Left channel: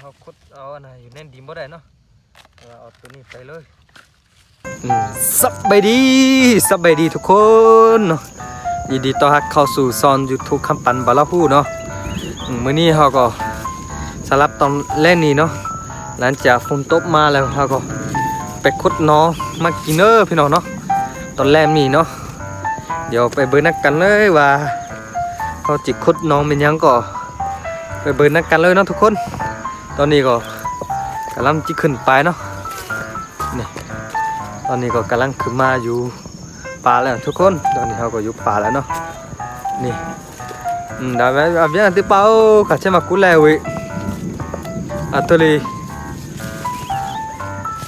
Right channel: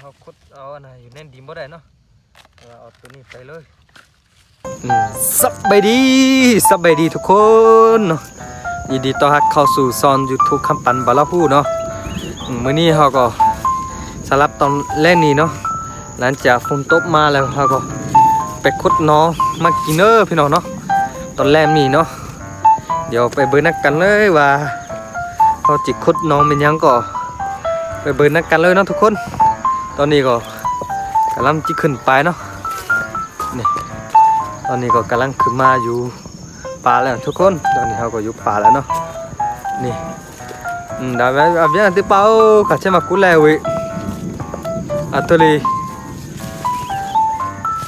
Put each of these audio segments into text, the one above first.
เอาขุดเอาอันไหนอยู่แน่นดินบ่ได้เนาะเอาตัวนี้ไปเลยสบายดีทุกคนเนาะยินดีต้อนรับเข้าสู่ซอนยูทูบคำปันบาลาฮู้เนาะมื้อนี้เราก็สลับตอนแรกนี้เนาะหลังจากฝนตกมาแล้วเราก็ไปขุดน้องมากินเนอพี่น้องเนาะตอนแรกนี้เนาะเดี๋ยวไปเบิ่งนักกันเลยว่าเขาจิขุดน้องเป็นยังก็ไปเบิ่งนักกันเลยเนาะทุกคนตอนนี้ก็กำลังจิขึ้นไปเนาะนี่ตอนนี้ก็กำลังขึ้นมาอยู่ป่าแล้วทุกคนตอนนี้เขาก็อยู่ป่าแล้วเนาะนี่abbiamo antipao facciamo culewi atoli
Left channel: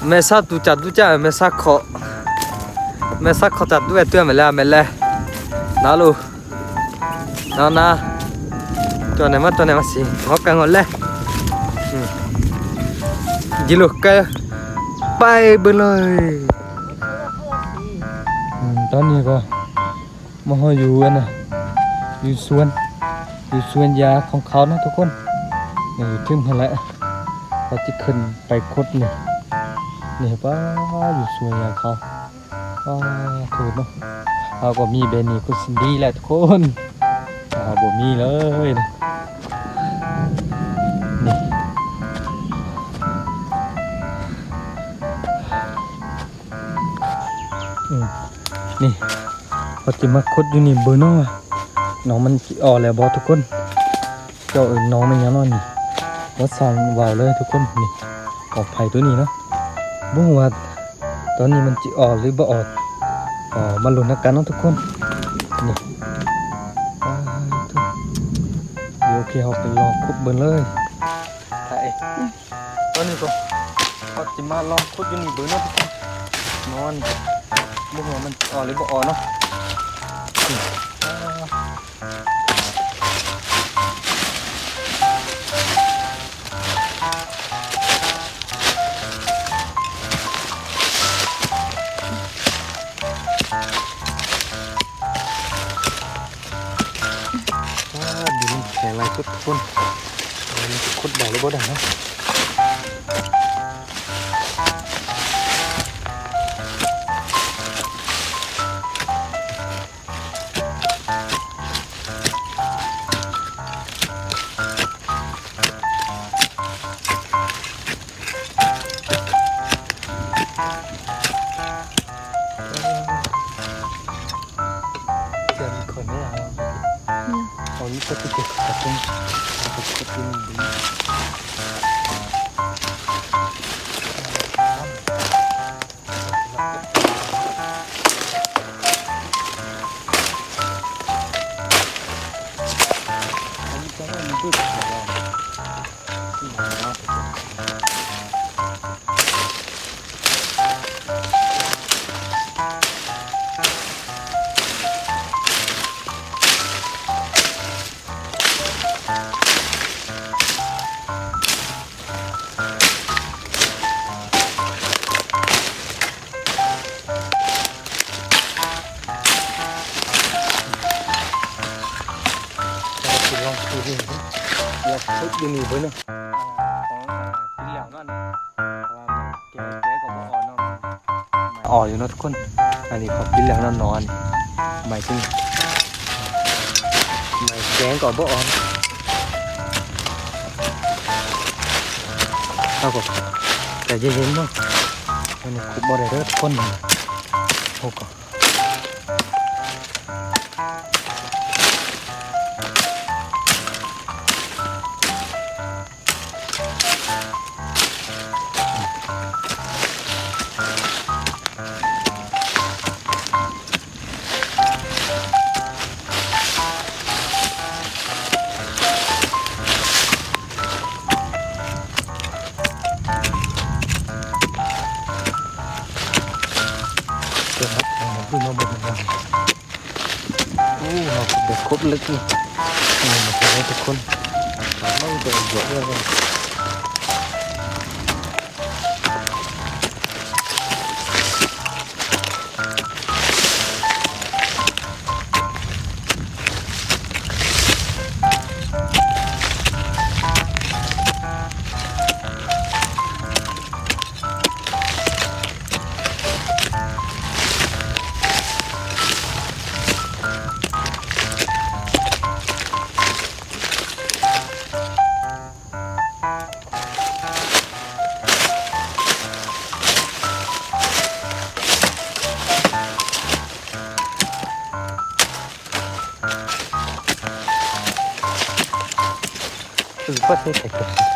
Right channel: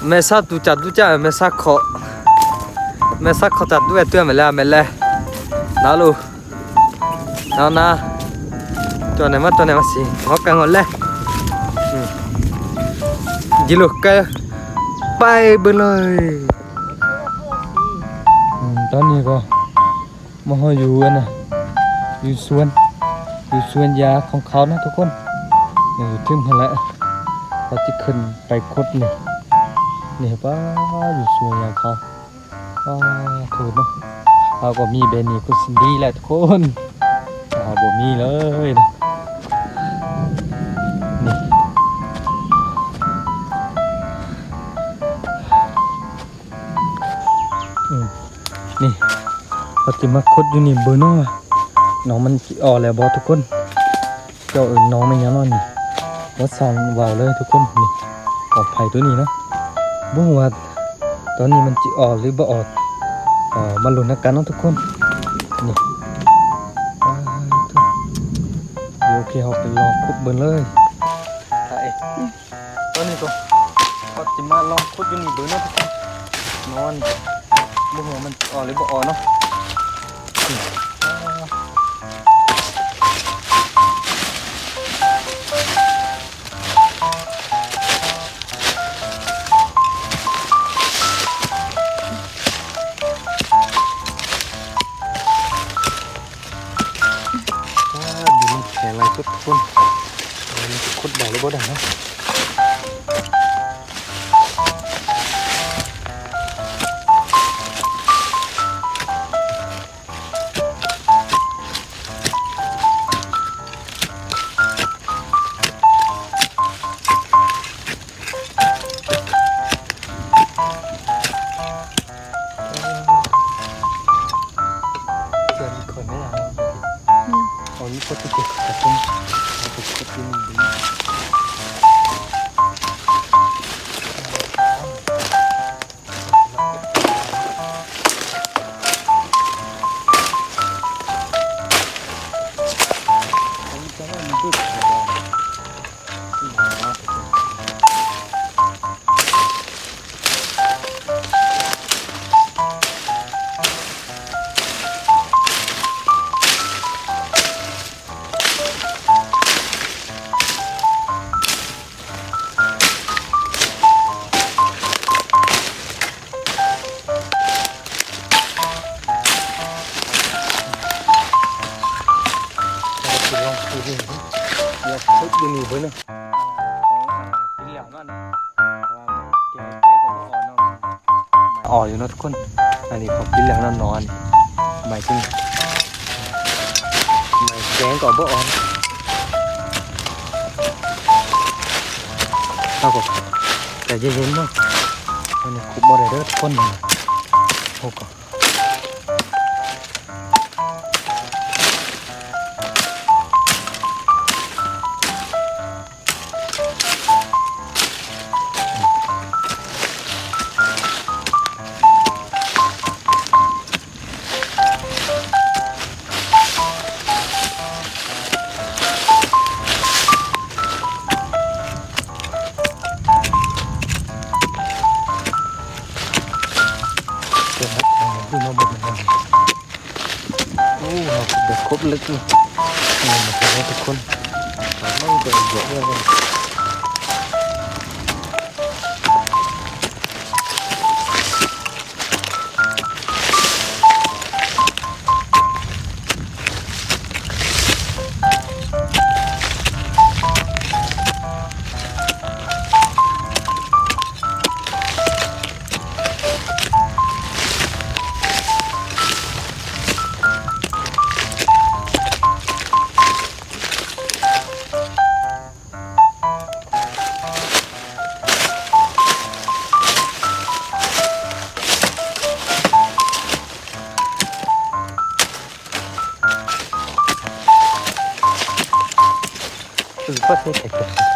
mesa ducha mesa kho ta due tue mele nalu na to ne ma si ngokang ole jiluk ke bay bênเลยตอนนี้ก็มาอยู่กันนะอยู่สวนยาของเขานะทุกคนนี่ถึงมาแล้วเขาจะขึ้นไปคดนี่ป้าอยู่สวนยาเขาป้าถูกเนาะเขาก็มีเบนี่ก็สินดีแหละทุกคนเขาบ่มีเลยนะนี่เขาจะมาคดอยู่นี่เบอร์น้อยน้องมันออกแล้วบอทุกคนเจ้าน้องมันยังนอนนี่วัดซอนวาวเลยทุกคนนี่ออกไผ่ตัวนี้เนาะบุ้งว่าตอนนี้มันจะออกหรือบ่ออกมาลุ้นกันเนาะทุกคนนี่เดี๋ยวโอเคเขาไปลองขุดเบิ่งเลยใช่ตอนนี้ก็เขาจะมาลองขุดอยู่นี่เบิ่งเนาะทุกคนนอนบุ้งว่ามันออกหรือบ่ออกเนาะแข็งแรงทุกคนขุดได้หรือบ่ได้เนาะเจอมีคนไหมล่ะเอานี่ก็ติดกับตรงขุดดินดิอยากขุดอยู่นี่เพิ่นเนาะของกินแล้วนั่นแกก็บ่อ่อนเนาะอ่อนอยู่เนาะทุกคนอันนี้ของกินแล้วนั่นนอนหมายถึงแกงก็บ่อ่อนเอาก็แต่เย็นๆเนาะอันนี้ขุดบ่ได้เด้อทุกคนโอ้ก็พูดมาหมดเลยโอ้เราเด็กครบลึกนี่มาทำให้ทุกคนไม่เดือดเยอะเลย เ ทั่วเทศไทย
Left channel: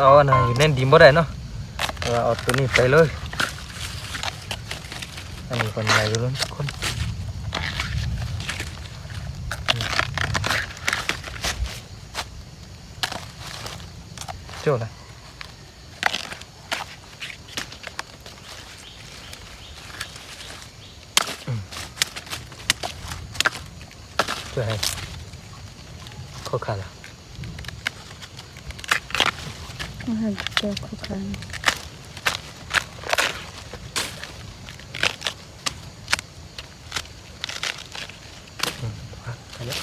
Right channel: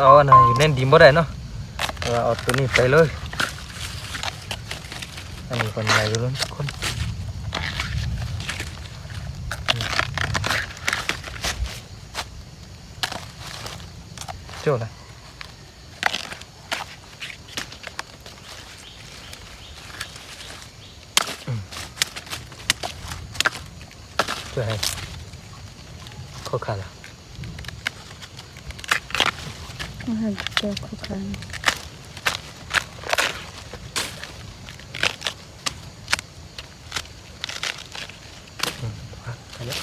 เอาอันไหนอยู่แน่นดินบ่ได้เนาะแต่ว่าเอาตัวนี้ไปเลยอันนี้คนใหญ่อยู่แล้วคนเจ้านะเจ้าให้ข้อขาดละ อาหารเจ้าคุกคัน ไปแล้ว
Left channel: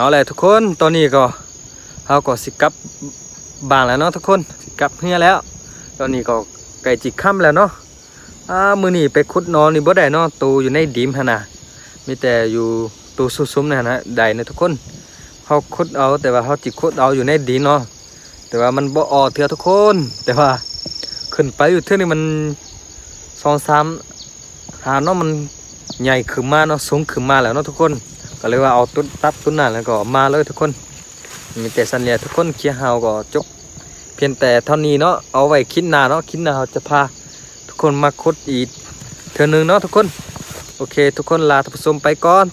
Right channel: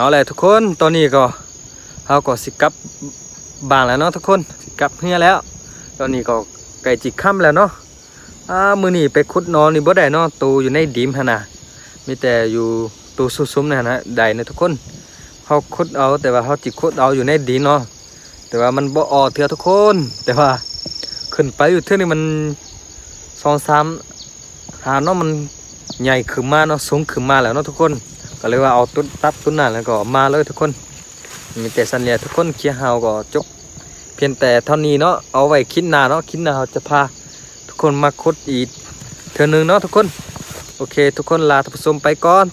เอาเลยทุกคนตอนนี้ก็เราก็สิกลับบางแล้วเนาะทุกคนสิกลับเฮียแล้วตอนนี้ก็ไก่จิกค่ำแล้วเนาะมื้อนี้ไปขุดนอนนี่บ่ได้เนาะตูอยู่ในดิมหั่นน่ะมีแต่อยู่ตูซุ่มๆนั่นนะได้นะทุกคนเฮาขุดเอาแต่ว่าเฮาจิขุดเอาอยู่ในดินเนาะแต่ว่ามันบ่ออกเทื่อทุกคนแต่ว่าขึ้นไปอยู่เทื่อนี่มัน2-3หาเนาะมันใหญ่ขึ้นมาเนาะสูงขึ้นมาแล้วเนาะทุกคนก็เลยว่าเอาต้นตัดต้นนั้นแล้วก็มาเลยทุกคนมีแต่สัญญาทุกคนเคียเฮาก็จบเพียงแต่เท่านี้เนาะเอาไว้คิดหน้าเนาะคิดหน้าเราจะพาทุกคนมาขุดอีกเทื่อนึงเนาะทุกคนโอเคทุกคนลาท่านผู้ชมไปก่อน